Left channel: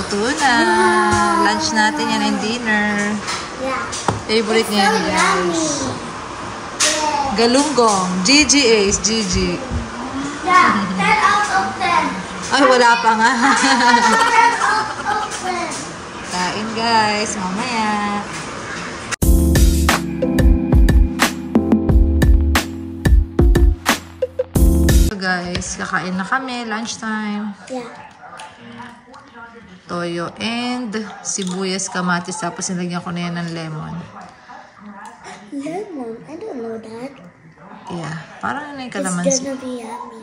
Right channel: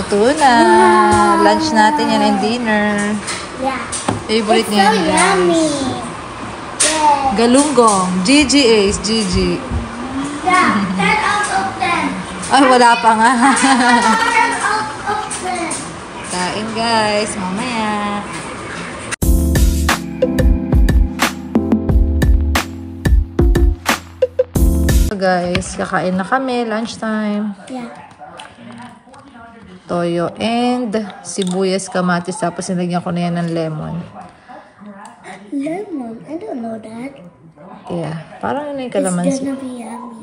Luto na. Lunch natin yan and dinner. Yeah. Favorite It's niya. so yummy. Yeah. Galunggong. Gigi Ace. Gigi. Yeah. 10 out of 10. Ay, wala pa nga. 10 out of 10. Kain guys. Mamaya. Guys, kakain na kami. Lunchtime. Yeah. Toyo and sibuyas, kamatis. Tapos nilagyan ko na yan ng lemon. Lemon? I don't know that. Yeah. Parang yun na yung It's kalamansi. gonna be yummy.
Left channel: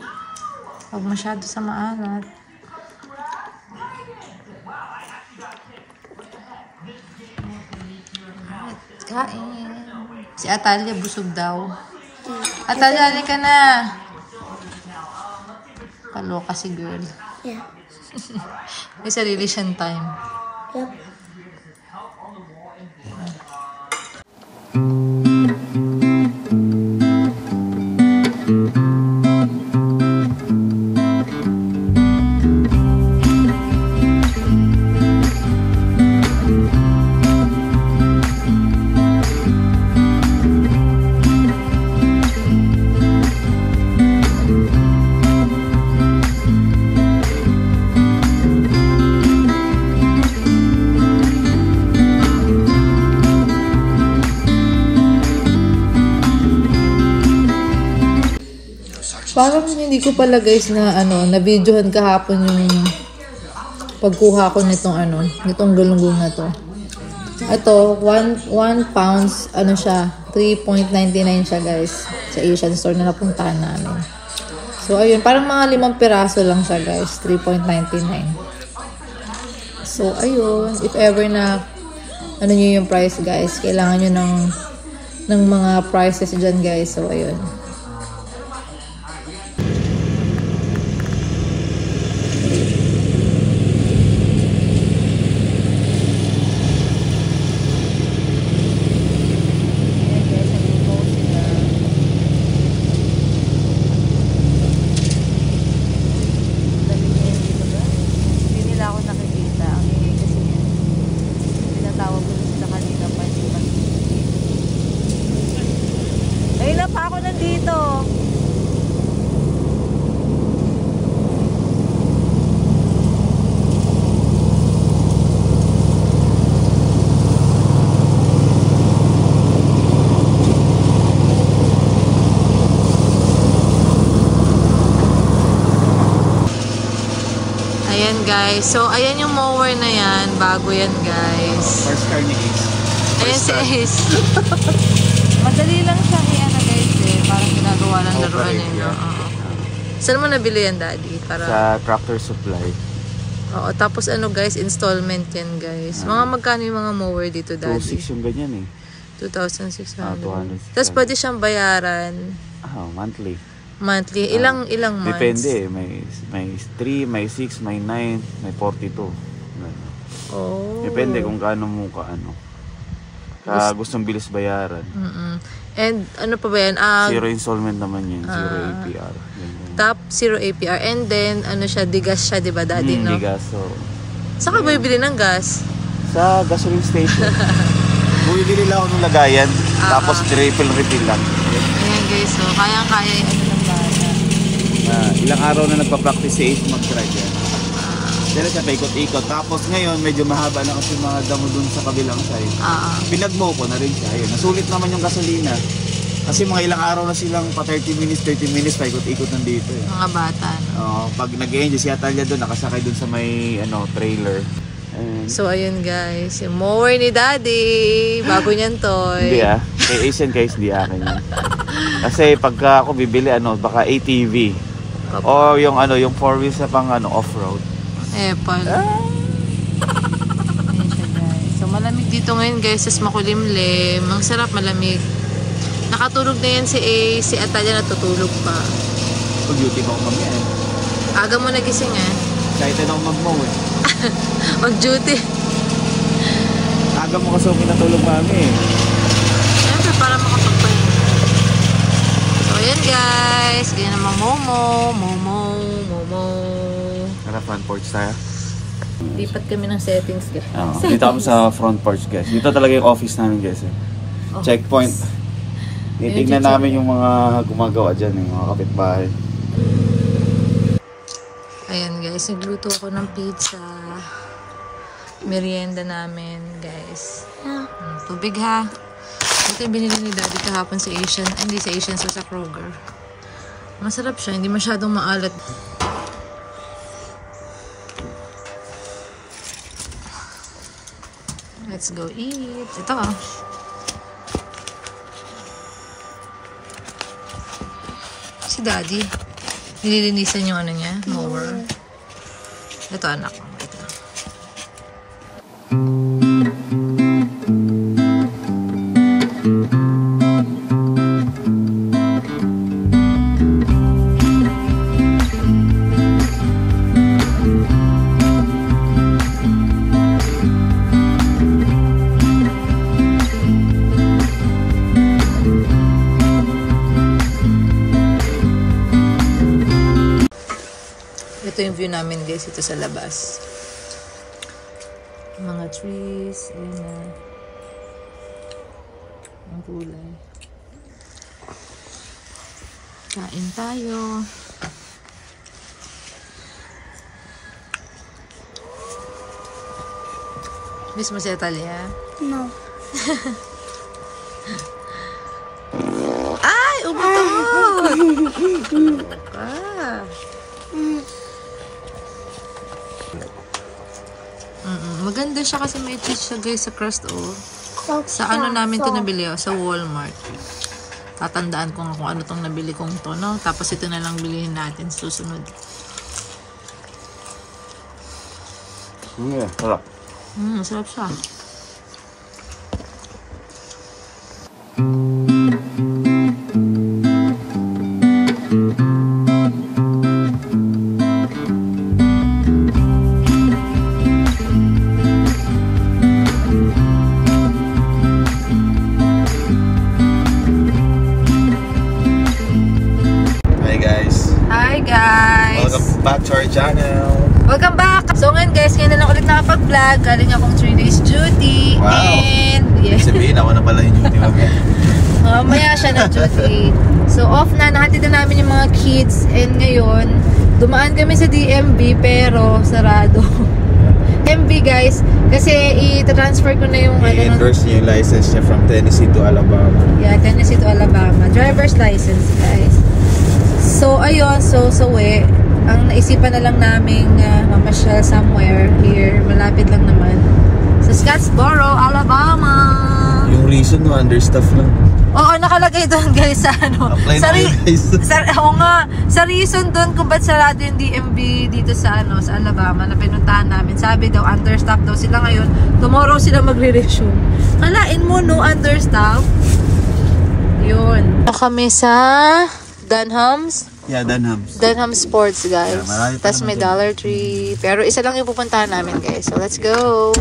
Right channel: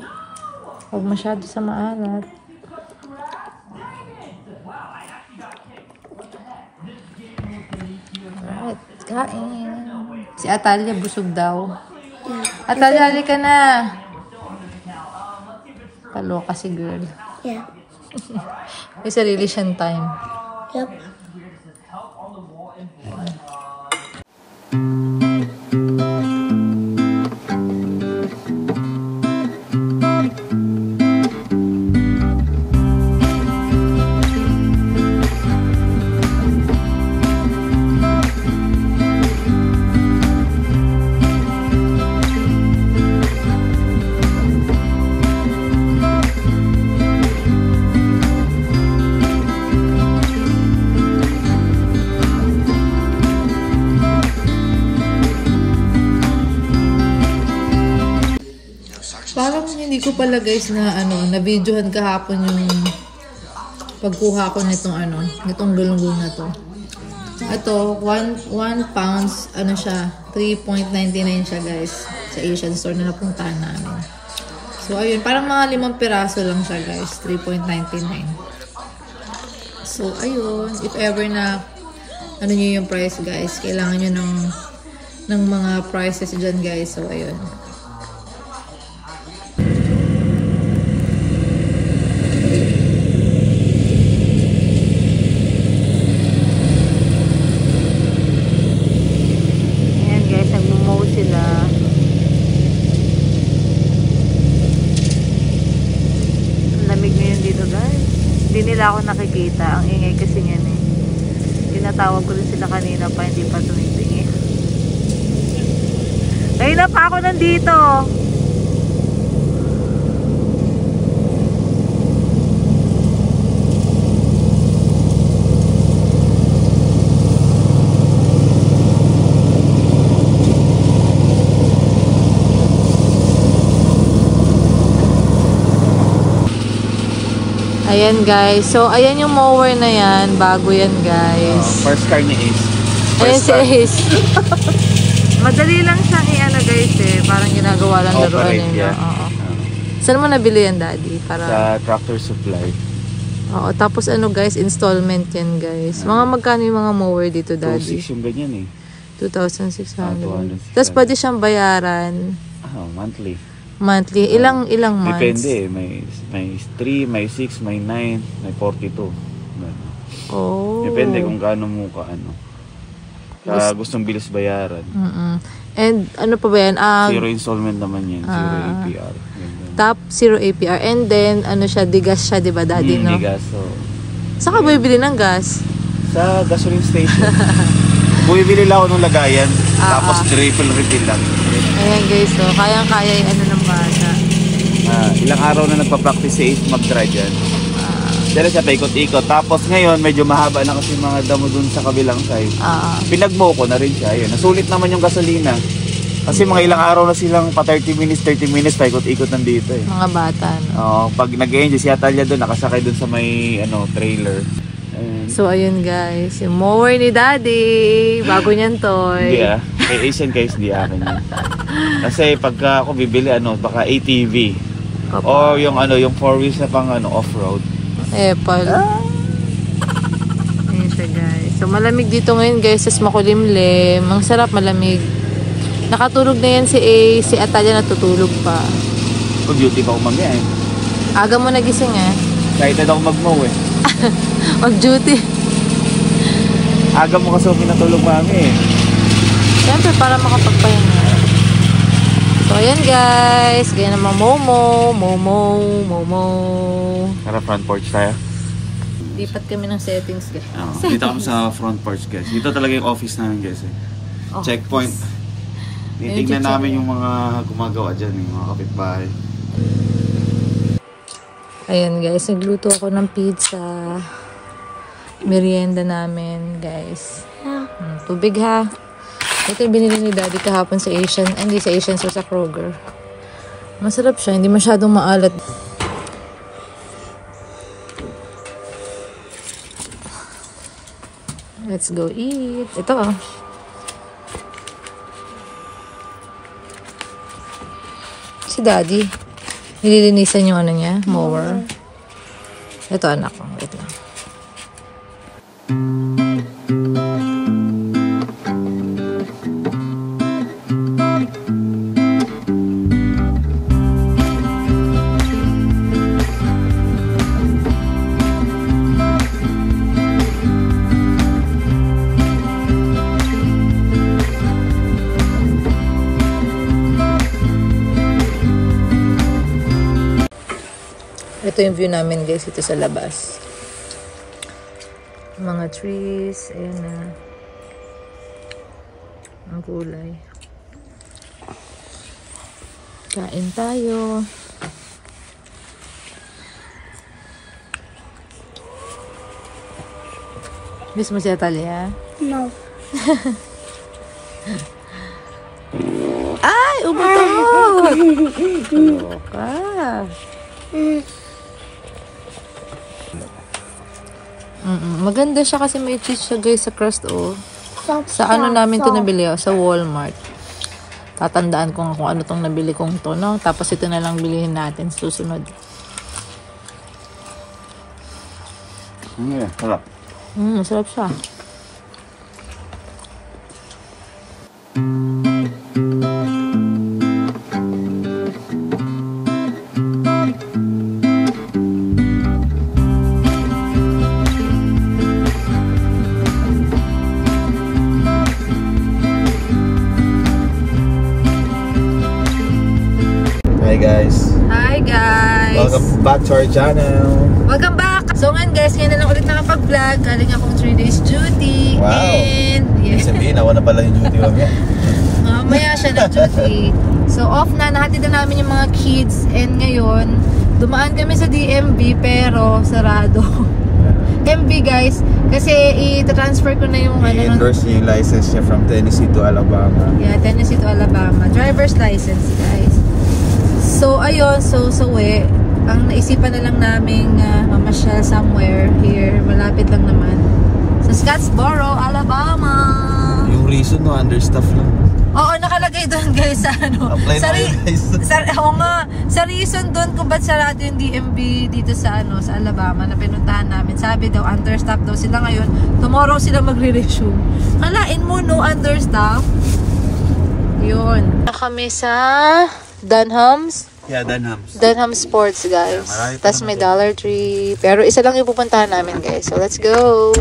Huwag masyado sa maalat. Alright, kain. Si Atalia busog daw. Yeah. Atalia, halika na. Kaloka si girl. Yeah. May sarili siyang time. Yep. Parang hindi ko pala guys na na-videohan kahapon yung pagkuha ko nitong galunggong na to. Ito, 1 pounds, siya, 3.99 siya guys, sa Asian store na napuntahan namin. So, ayun, parang mga 5 piraso lang siya guys, 3.99. So, ayun, if ever na, nyo yung price guys, kailangan nyo ng mga prices dyan guys, so ayun. Ako nakikita. Ang ingay kasi yan eh. Pinatawag ko rin sila kanina pa, hindi pa tumingin. Kanina pa ako nandito. Ayan guys. So, ayan yung mower na yan. Bago yan guys. First car ni Ace. Ayan si Ace. Madali lang siyang guys eh. Parang ginagawa lang laruan eh. Yeah. Saan mo nabili yan daddy? Sa Tractor Supply. Oo. Tapos guys, installment yan guys. Mga magkano yung mga mower dito daddy? 2,600 yung ganyan eh. 2,600. Tapos pwede siyang bayaran. Monthly. Monthly. Ilang months? Depende. May 3, may 6, may 9, may 42. Oh. Depende kung gaano mo gustong bilis bayaran. And ano pa ba yan? Zero installment naman yun. Zero APR. Top, zero APR. And then, siya, digas siya, diba daddy? No? Digas. So, saan ka bibili ng gas? sa gasoline station. Bumibili lang ako ng lagayan. Tapos refill lang. Ayan guys, so kayang-kaya yung ng bata. Ilang araw na nagpa-practice si Ace mag-try dyan. Dala siya paikot-ikot. Tapos ngayon, medyo mahaba na kasi mga damo dun sa kabilang side. Pinagmo ko na rin siya. Ayun. Nasulit naman yung gasolina. Kasi mga ilang araw na silang pa 30 minutes, paikot-ikot nandito eh. Mga bata, no? Pag nag-enjoy si Atalia dun, nakasakay dun sa may trailer. Ayun. So, ayun guys. Yung mower ni daddy. Bago niyan to. Hindi Kay Asian guys, hindi akin yun. Kasi pagka ako bibili, baka ATV. O yung yung 4 wheels na pang off-road. Apple. Ayun siya guys. So, malamig dito ngayon guys. Tapos makulimlim. Ang sarap, malamig. Nakatulog na yan si A. Si Atalia natutulog pa. Pag-duty pa ako mamaya eh. Aga mo nagising eh. Excited ako mag-mow eh. Mag-duty. Aga mo kasi ako pinatulog mami eh. Siyempre para makapagpahinga. So ayan guys. Ganyan naman Momo. Tara front porch tayo. Lipat kami ng settings guys. Dito kami sa front porch guys. Dito talaga yung office namin guys. Checkpoint. Titignan namin yung mga gumagawa dyan, yung mga kapitbahay. Ayan guys, nagluto ako ng pizza. Merienda namin guys. Tubig ha. Ito yung binili ni Daddy kahapon sa Asian. Hindi sa Asian, so sa Kroger. Masarap siya, hindi masyadong maalat. Let's go eat. Ito si Daddy. Nililinisan yung ano niya, mower. Ito anak ko. Wait lang. Ito yung view namin guys, ito sa labas. Mga trees, ayun na. Ang kulay. Kain tayo. Miss mo si Atalia? No. Ay! Umuto! Ka. Maganda siya kasi may cheese siya guys sa crust Sa ano namin to nabili sa Walmart. Tatandaan ko kung ano tong nabili kong to, no? Tapos ito na lang bilihin natin susunod. Sarap. Masarap siya. Welcome back to our channel. Welcome back! So ngayon guys, ngayon na lang ulit nakapag-vlog. Galing akong 3 days duty. Wow! And yes. Sabihin, ako na pala yung duty wag. Mamaya siya ng duty. So off na, nahatid na namin yung mga kids. And ngayon, dumaan kami sa DMV pero sarado. DMV guys, kasi i-transfer ko na yung I-endorse niya yung license niya from Tennessee to Alabama. Yeah, Tennessee to Alabama. Driver's license guys. So ayun, so ang naisipan na lang namin mamasyal somewhere here, malapit lang naman sa Scottsboro, Alabama. Yung reason no, understaff lang. Oo, nakalagay doon guys sa ano. Sa reason doon kung ba't sarado yung DMV dito sa ano, sa Alabama na pinuntahan namin. Sabi daw understaff daw sila ngayon. Tomorrow sila magre-resume. Kalain mo no, understaff. Yun. Kami sa Dunham's. Yeah, Dunham's. Dunham's Sports, guys. Yeah, tapos may Dollar Tree. Pero isa lang yung pupuntahan namin, guys. So, let's go!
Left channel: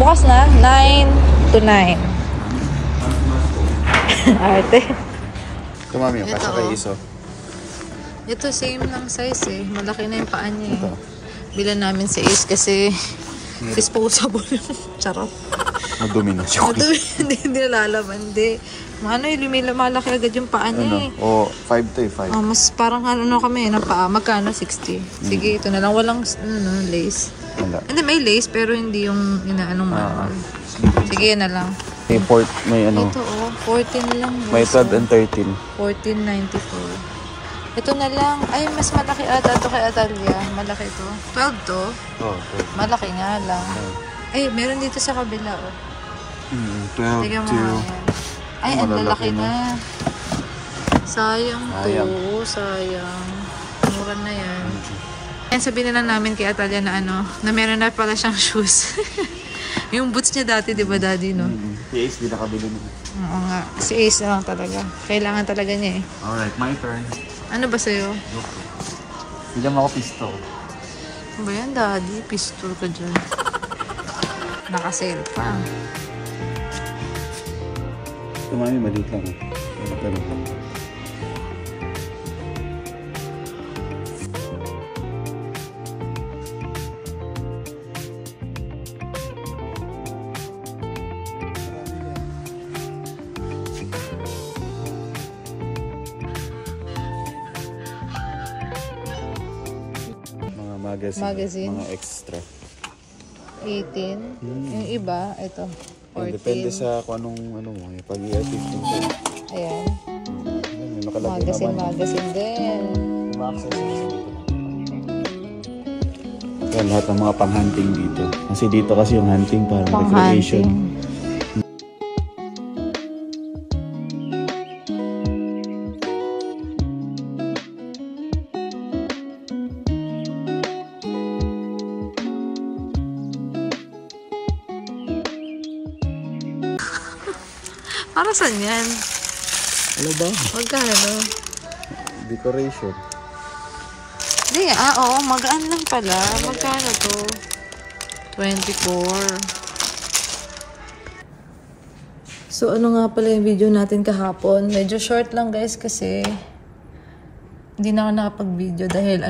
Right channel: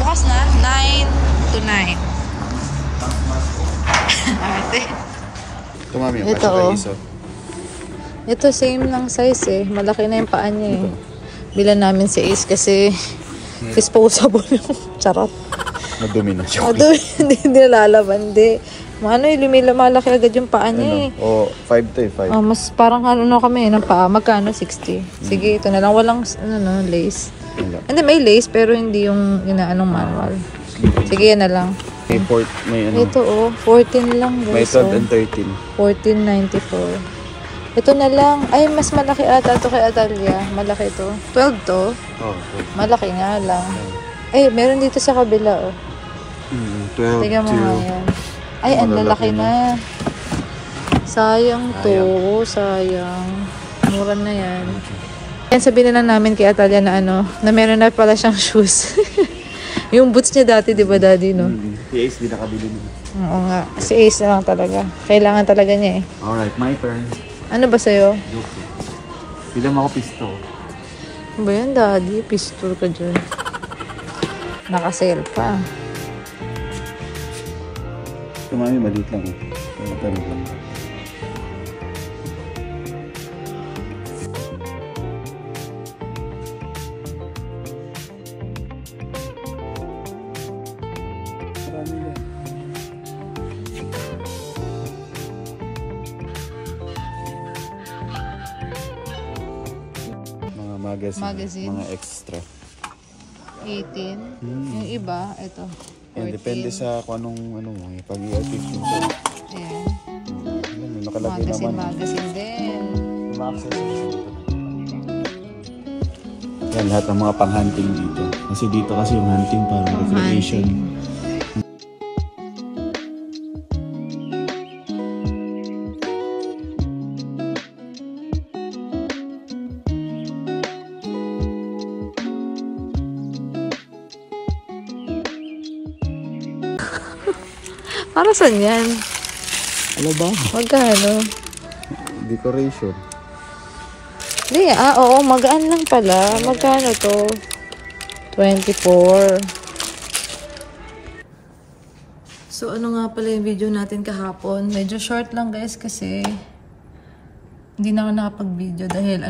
Bukas na, 9 to 9. Arte. Ito, mami. Ito, Ito, same lang size eh. Malaki na yung paa niya eh. Bilan namin sa Ace kasi disposable yung charot. Madumi na siya. Madumi, hindi nalalaban. Hindi. Lumalaki agad yung paa niya eh. O, 5 to 5. Mas parang kami ng paa. Magkano? 60. Sige, ito na lang. Walang lace. Hindi, may lace pero hindi yung inaanong manual. Sige, yan na lang. May ano. Ito 14 lang. May 12 and 13. 14.94. Ito na lang. Ay, mas malaki ata ito kay Atalia. Malaki ito. 12 to. Oh, 12. Malaki nga lang. Ay, meron dito sa kabila 12 Tingnan mo nga yan. Ay, ang lalaki na. Sayang to. Sayang. Mura na yan. Yan, sabihin na lang namin kay Atalia na na meron na pala siyang shoes. Yung boots niya dati, di ba daddy, no? Si Ace, di nakabili mo. Oo nga. Si Ace na lang talaga. Kailangan talaga niya eh. Alright, my turn. Ano ba sa'yo? Okay. Bilang ako pistol. Ano ba yan, daddy? Pistol ka dyan. Nakasale pa. Ito mami, maliit lang eh. Matalit lang. Magazine. Mga extra. 18. Yung iba, ito. 14. Depende sa kung anong pag-efficiency. Ayan. Magazine din. Yan, lahat ng mga pang-hunting dito. Kasi dito kasi yung hunting para recreation. Para saan yan? Ano ba? Magkano? Decoration. Hindi, oo, magaan lang pala. Magkano to? 24. So, ano nga pala yung video natin kahapon? Medyo short lang guys kasi hindi na ako nakapag-video dahil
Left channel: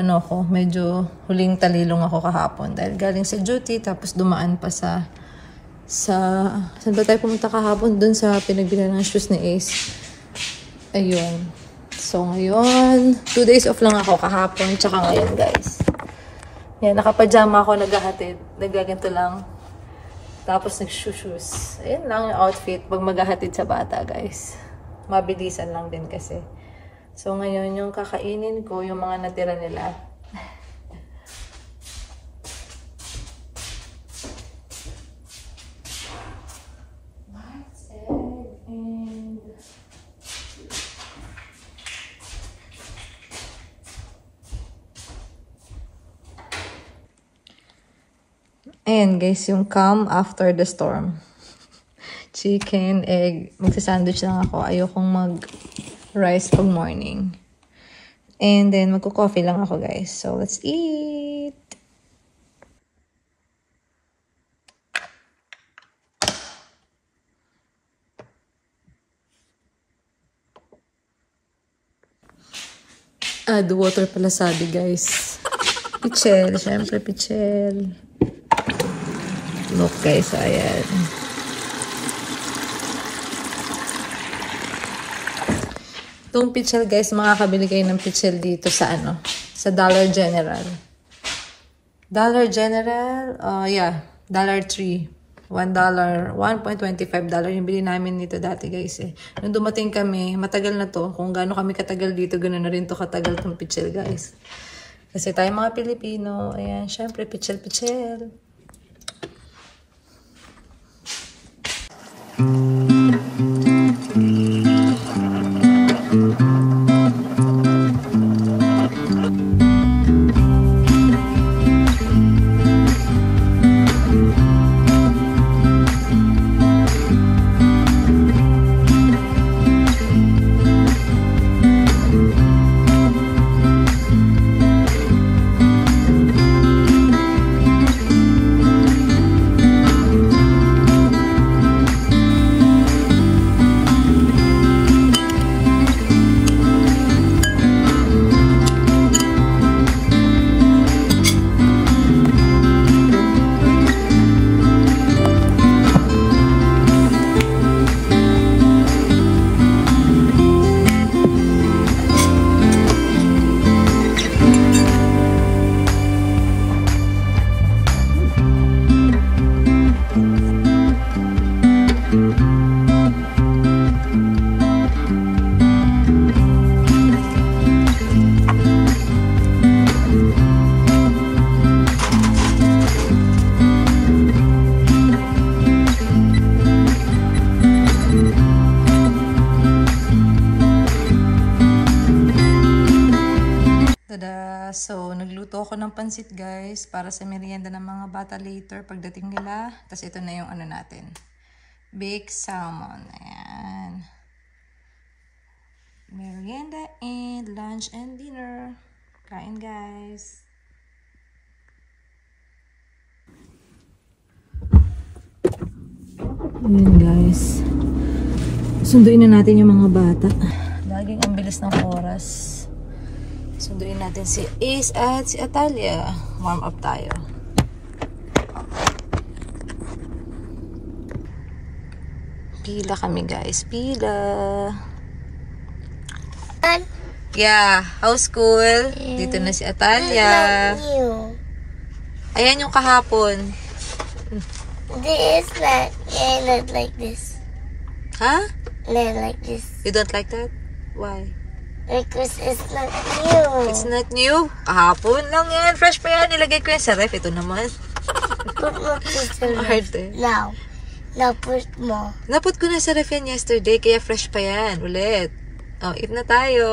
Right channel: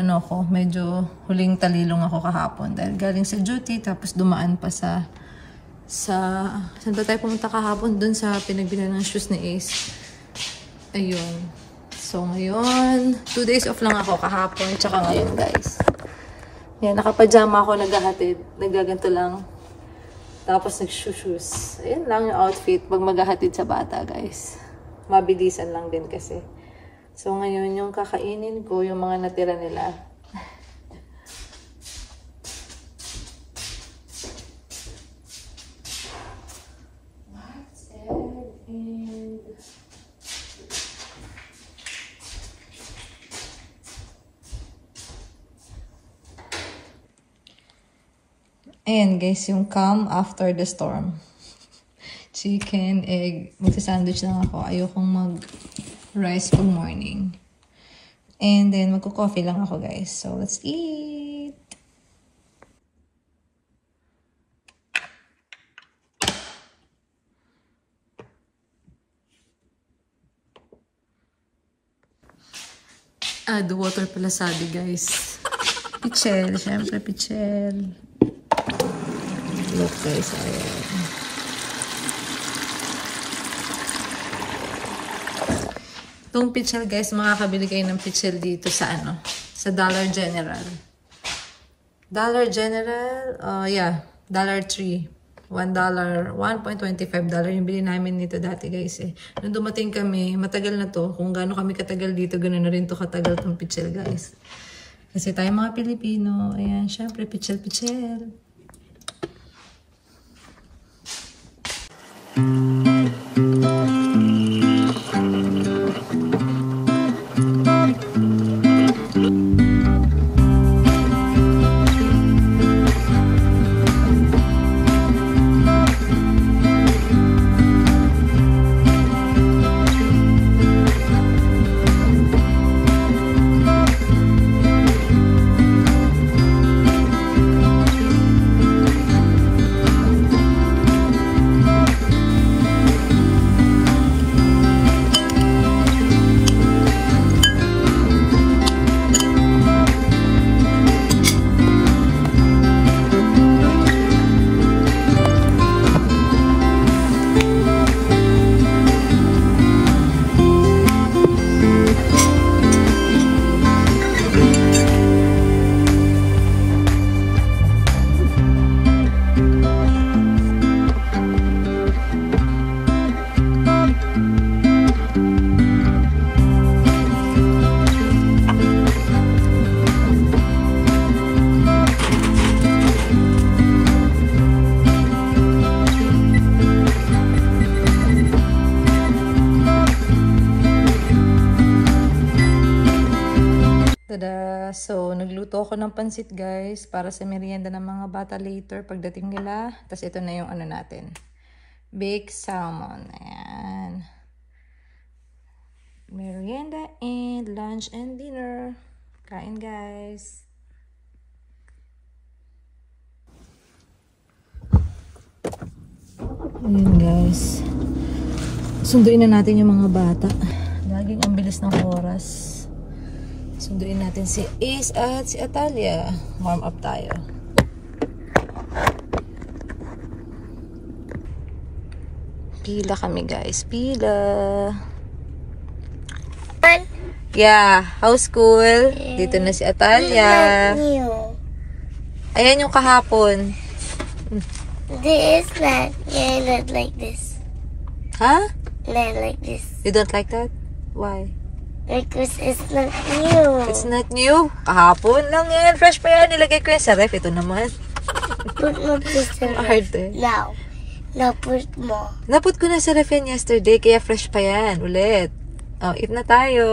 medyo huling talilong ako kahapon. Dahil galing sa duty, tapos dumaan pa saan ba tayo pumunta kahapon? Dun sa pinagbilan ng shoes ni Ace. Ayun. So, ngayon, 2 days off lang ako kahapon, tsaka ngayon, guys. Yan, nakapajama ako, naghahatid. Nagaganto lang. Tapos, nag-shoes. Ayan lang yung outfit pag maghahatid sa bata, guys. Mabilisan lang din kasi. So, ngayon, yung kakainin ko, yung mga natira nila. Ayan guys, yung calm after the storm. Chicken, egg. Magsa-sandwich lang ako. Ayokong mag-rice pag morning. And then, magko-coffee lang ako guys. So, let's eat! Add water pala sabi guys. Pichel, syempre pichel. Look guys, ayan. Itong pichel guys, makakabili kayo ng pichel dito sa sa Dollar General. Dollar General, yeah, $3. $1, $1.25 yung bili namin nito dati guys eh. Nung dumating kami, matagal na to. Kung gaano kami katagal dito, ganoon na rin to katagal tong pichel guys. Kasi tayo mga Pilipino, ayan, syempre pichel-pichel. So, nagluto ako ng pansit guys para sa merienda ng mga bata later pagdating nila. Tapos ito na yung natin. Baked salmon. Ayan. Merienda and lunch and dinner. Kain guys. Ayan guys. Sunduin na natin yung mga bata. Laging ang bilis ng oras. Sunduin natin si Ace at si Atalia. Warm up tayo. Pila kami guys. Pila. Yeah. How's school? Dito na si Atalia. Ayan yung kahapon. This is not. Yeah, not like this. Ha? Not like this. You don't like that? Why? Because it's not new. It's not new. Kahapon lang yan. Fresh pa yan. Nilagay ko yan sa ref. Ito naman. Put more this in Hard there. eh. Now. Now put more. Naput ko na sa ref yan yesterday. Kaya fresh pa yan. Ulit. Oh, eat na tayo.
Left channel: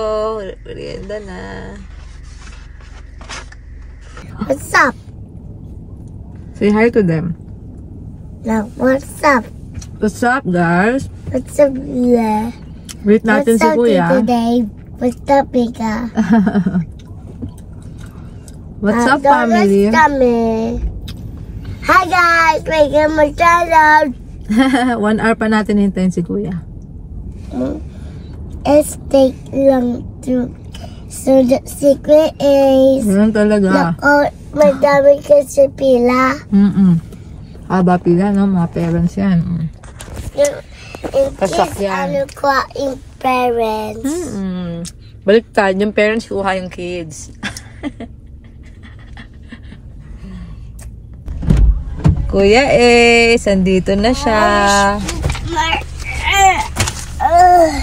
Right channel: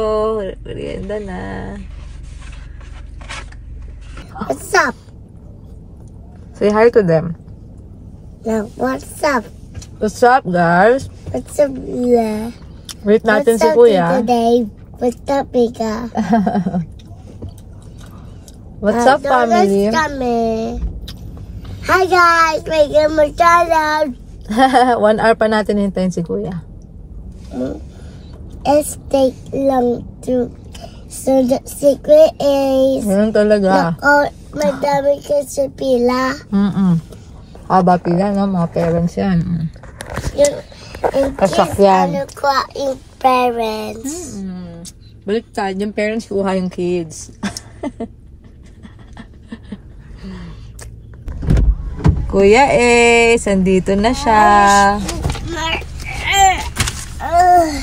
Merienda na. What's up? Say hi to them. Now, what's up? What's up, guys? What's up, yeah? Wait natin What's si up Kuya. today? What's up, Mika? What's up, family? Hi, guys! Making my channel. 1 hour pa natin hintayin si Kuya. It's take long to... So, the secret is... Ganun talaga. Madami kasi pila. Haba pila, no? Mga parents yan. Yung Kasakyan. kids, ano ko, yung parents. Baliktad, yung parents kuha yung kids. Kuya andito na siya.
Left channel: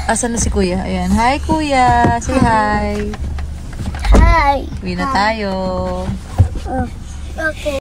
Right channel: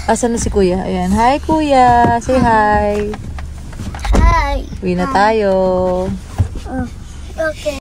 Asan na si Kuya? Ayan. Hi, Kuya. Say hi. Hi. Uwi na tayo. Okay.